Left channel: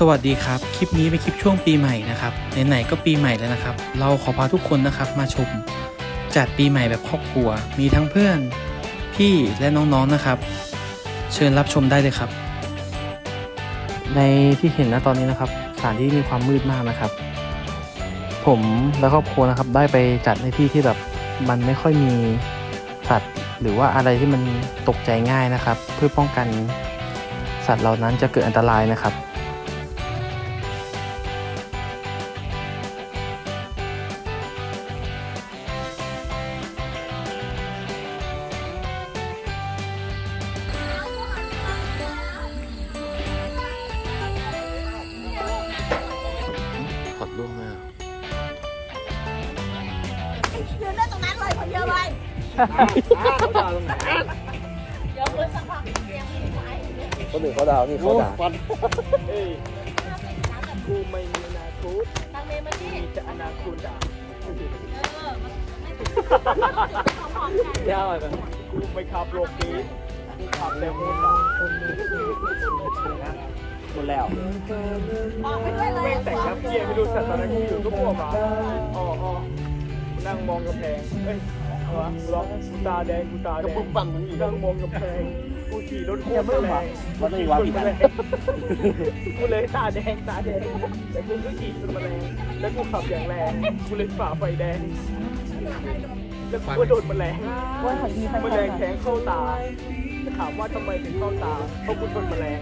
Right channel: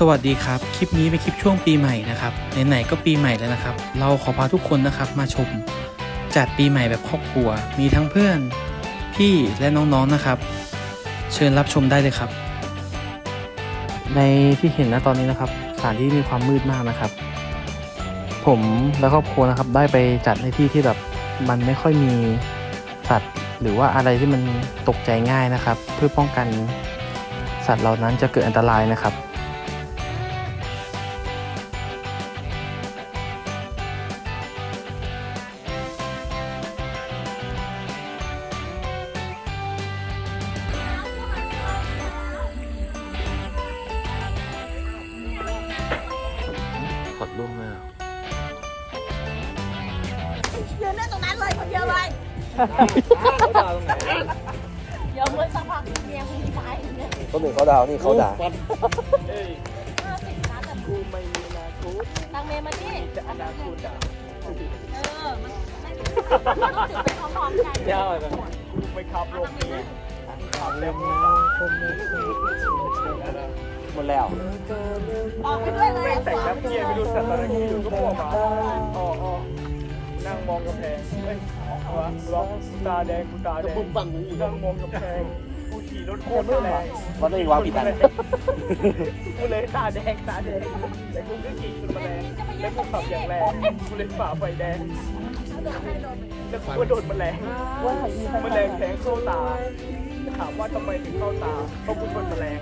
สวัสดีครับ คลิปนี้เป็นคลิปช่วงปีใหม่นะครับ ไหนๆก็ปีใหม่แล้วนะครับ เราขอพาทุกคนนะครับมาชม จัดปีใหม่แบบครอบครัว มีทั้งเพื่อน พี่และน้องๆนะครับ เชิญรับชมได้เลยครับ ในที่เห็นนะตอนนี้นะครับ สถานที่มีความมืดมากนะครับ ผมและครอบครัวนะครับได้ไปจัดในที่ที่แบบมันไม่ค่อยมีสัตว์ หรือว่าอะไรที่มันตกใจง่ายนะครับ เพื่อป้องกันสัตว์เหล่านั้นจะเกิดอันตรายนะครับ เดี๋ยวมือสักพักเนี่ยมือซ้ายเนี่ยเขาดูเขาดาวนี่เขาด่าทางเมย์มาที่เออมันจุดพร้อมๆกันไปขับรถนี้หมดแล้วออกไปด้วยเลยแต่งครับเที่ยงไปดูสัตว์อะไรที่อยู่ก็บอกมาอ๋ออ๋อ นั่งมองกำแพงเอ้ยร้องตาแดงตาแดงปุ๊บปังนั่งมองกำแพงกูขี่รถโคตรแรงก็ได้ว่าผิดอันกูเลยตาแดงตาแดงแต่กูไม่ขี่เป็นแมลงแล้วกูขับอย่างแรงกูเลยฝ่าไฟแดงแล้วกูก็โดนแมลงแมลงแทงเข้าตาถามว่าทำไมถึงเข้าตาเพราะกูชนแมลง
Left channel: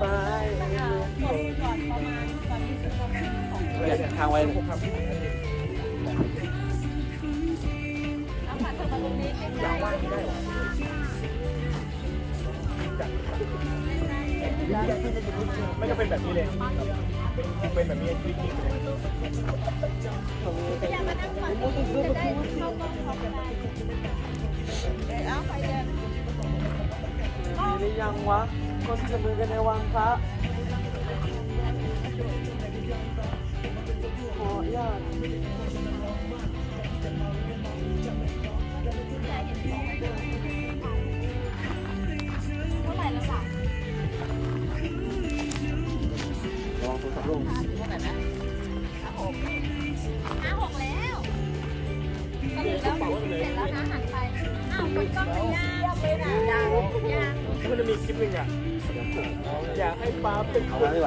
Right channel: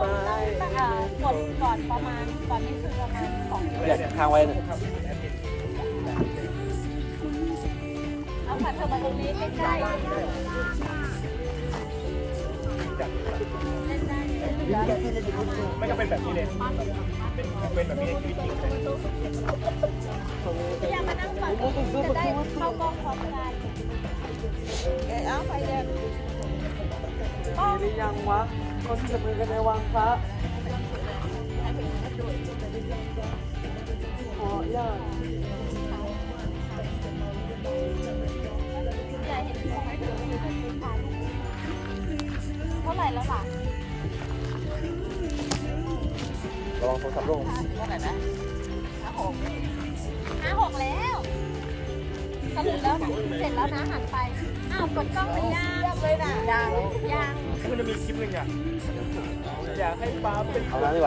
ก็คนนั่งอ่ากดก่อนประมาณก่อนที่ถึงประมาณสองทางไว้แล้วค่ะเธอมาตรงนี้ใกล้ๆไม่จะเป็นแบบนี้เลยเป็นเป็นแบบนี้พยายามมานั่งก่อนจะได้เข้ากล้องพร้อมกัน เท่าไหร่แล้วล่ะลองสักลงห้าหกห้าหกแล้วสรุปแล้วเสร็จแล้วนะหันไปอ้าวตกกล้องเยี่ยมเลยนะยันจะมีคลิป โ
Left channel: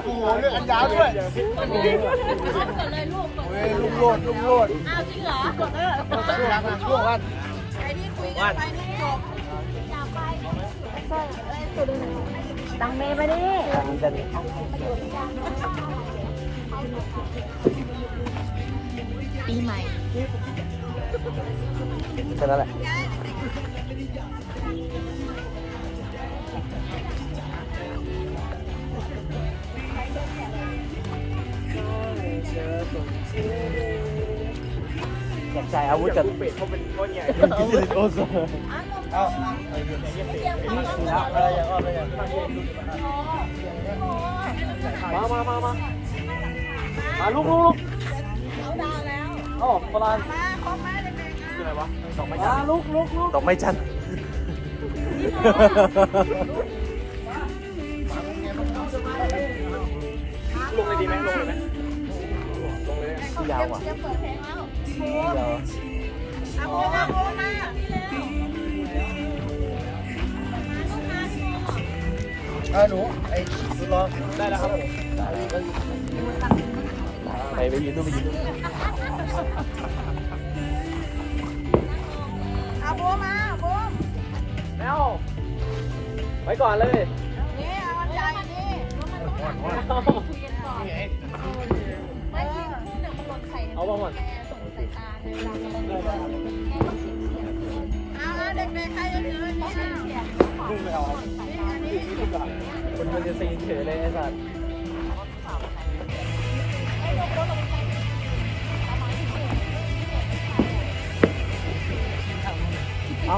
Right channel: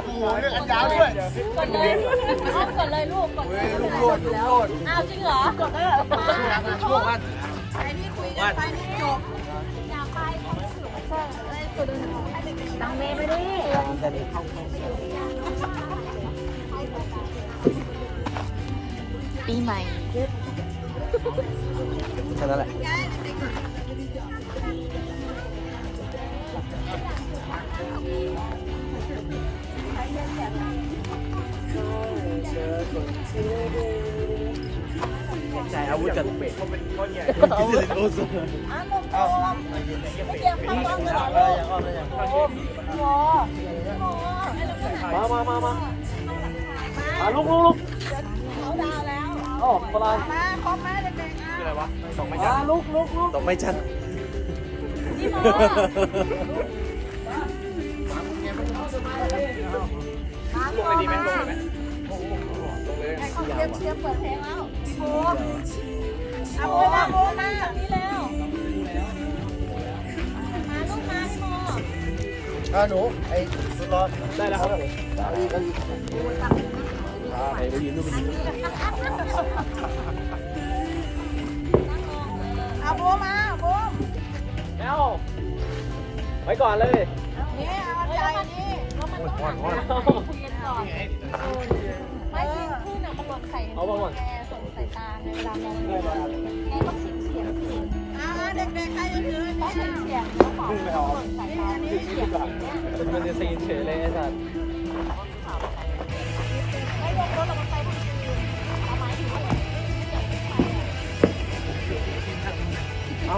อ้โหเลือกอันดาวด้วยกดเลยกดเลยลูกกดเฮ้ยลุงโลดลุงโลดอ้าวจริงเหรอช่วงนั้นช่วงวันไอ้นี่คุยกันไปนี่จบอยากไปไม่ใช่อะไรตัวดูหนูตามเมย์ไปดิมันปีใหม่แค่นั้นแหละ อากใช้อาวุธกันคิดถึงโอโซอ้าวเอ้าเตรียมเข้ากล้องเลแล้วยเออยังอ้อมเลยยังโอ้โหโอ้โหมามามามาลุกลุกเขาดาวแล้วมาพร้อมไหมเด็กๆตกไม่ชันลงดีกันเลย เขาเตรียมเตรียมเปิดเพลงแล้วโอ้เอาโบมาโบมาเออหนูไอ้รอได้แล้วครับเอาอีกเอาอีกไปไปยืนดูมันดีอาโบมาโบเอ้าไปก่อนเลย นี่เอาอันใหญ่นี่ฮ้อนฮ้อนคุยกันก่อนไม่ที่น่ะมันหล่นใส่แม่ส่งใส่ตาในเราเราแม่ต้องเสียงเสียงสิอ่าเด็กๆใครจะถือเพราะเสียงเสียงแล้วของมันหล่นใส่ตาเสียงอย่างเงี้ยมันจะซีนเฉยเลยไอ้สัสไม่ยกรถเราไปทางนี้เราหมายถึงว่าเราไม่ได้หล่ใส่อะเอ้า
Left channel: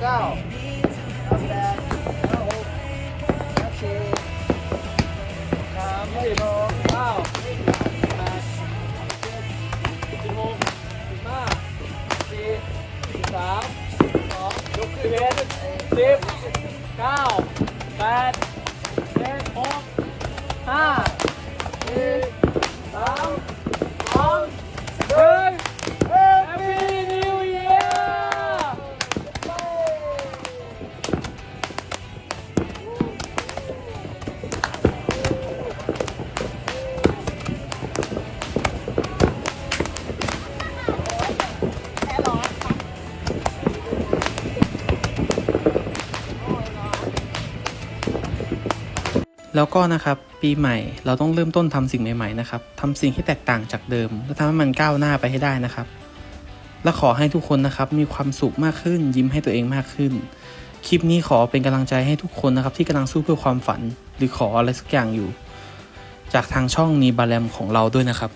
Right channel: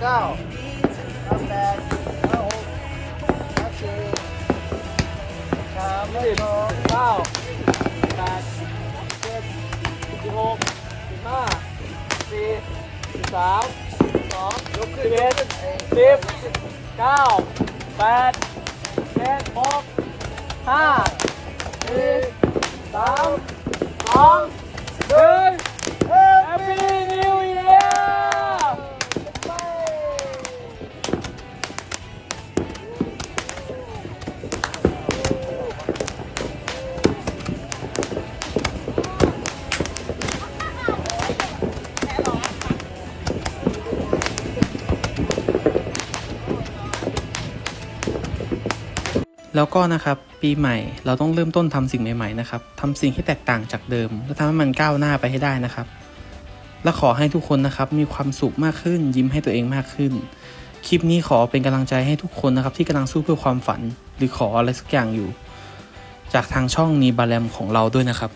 เก้าห้าแปดห้าหกห้าสี่สามสองเก้าแปดเจ็ดสิบหกสิบห้าสี่สิบสามสองยกขึ้นเอ็ดสิบเก้าแปดเจ็ดหกห้าสี่สามสอง แล้วก็นะครับปีใหม่เราต้องเริ่มต้นทำสิ่งใหม่ๆนะครับทำสิ่งที่แตกต่างจากเดิม และทำให้มันก้าวหน้าไปให้ได้นะครับ และขอให้ทุกคนนะครับมีความสุขมากขึ้น ยิ้มให้ตัวเองมากขึ้น คลิปนี้ขอเป็นกำลังใจให้ทุกคนนะครับที่กำลังสู้เพื่อความฝัน หรือขออะไรสักอย่างอยู่ จากทางช่องนีบาแรมของเราด้วยนะครับ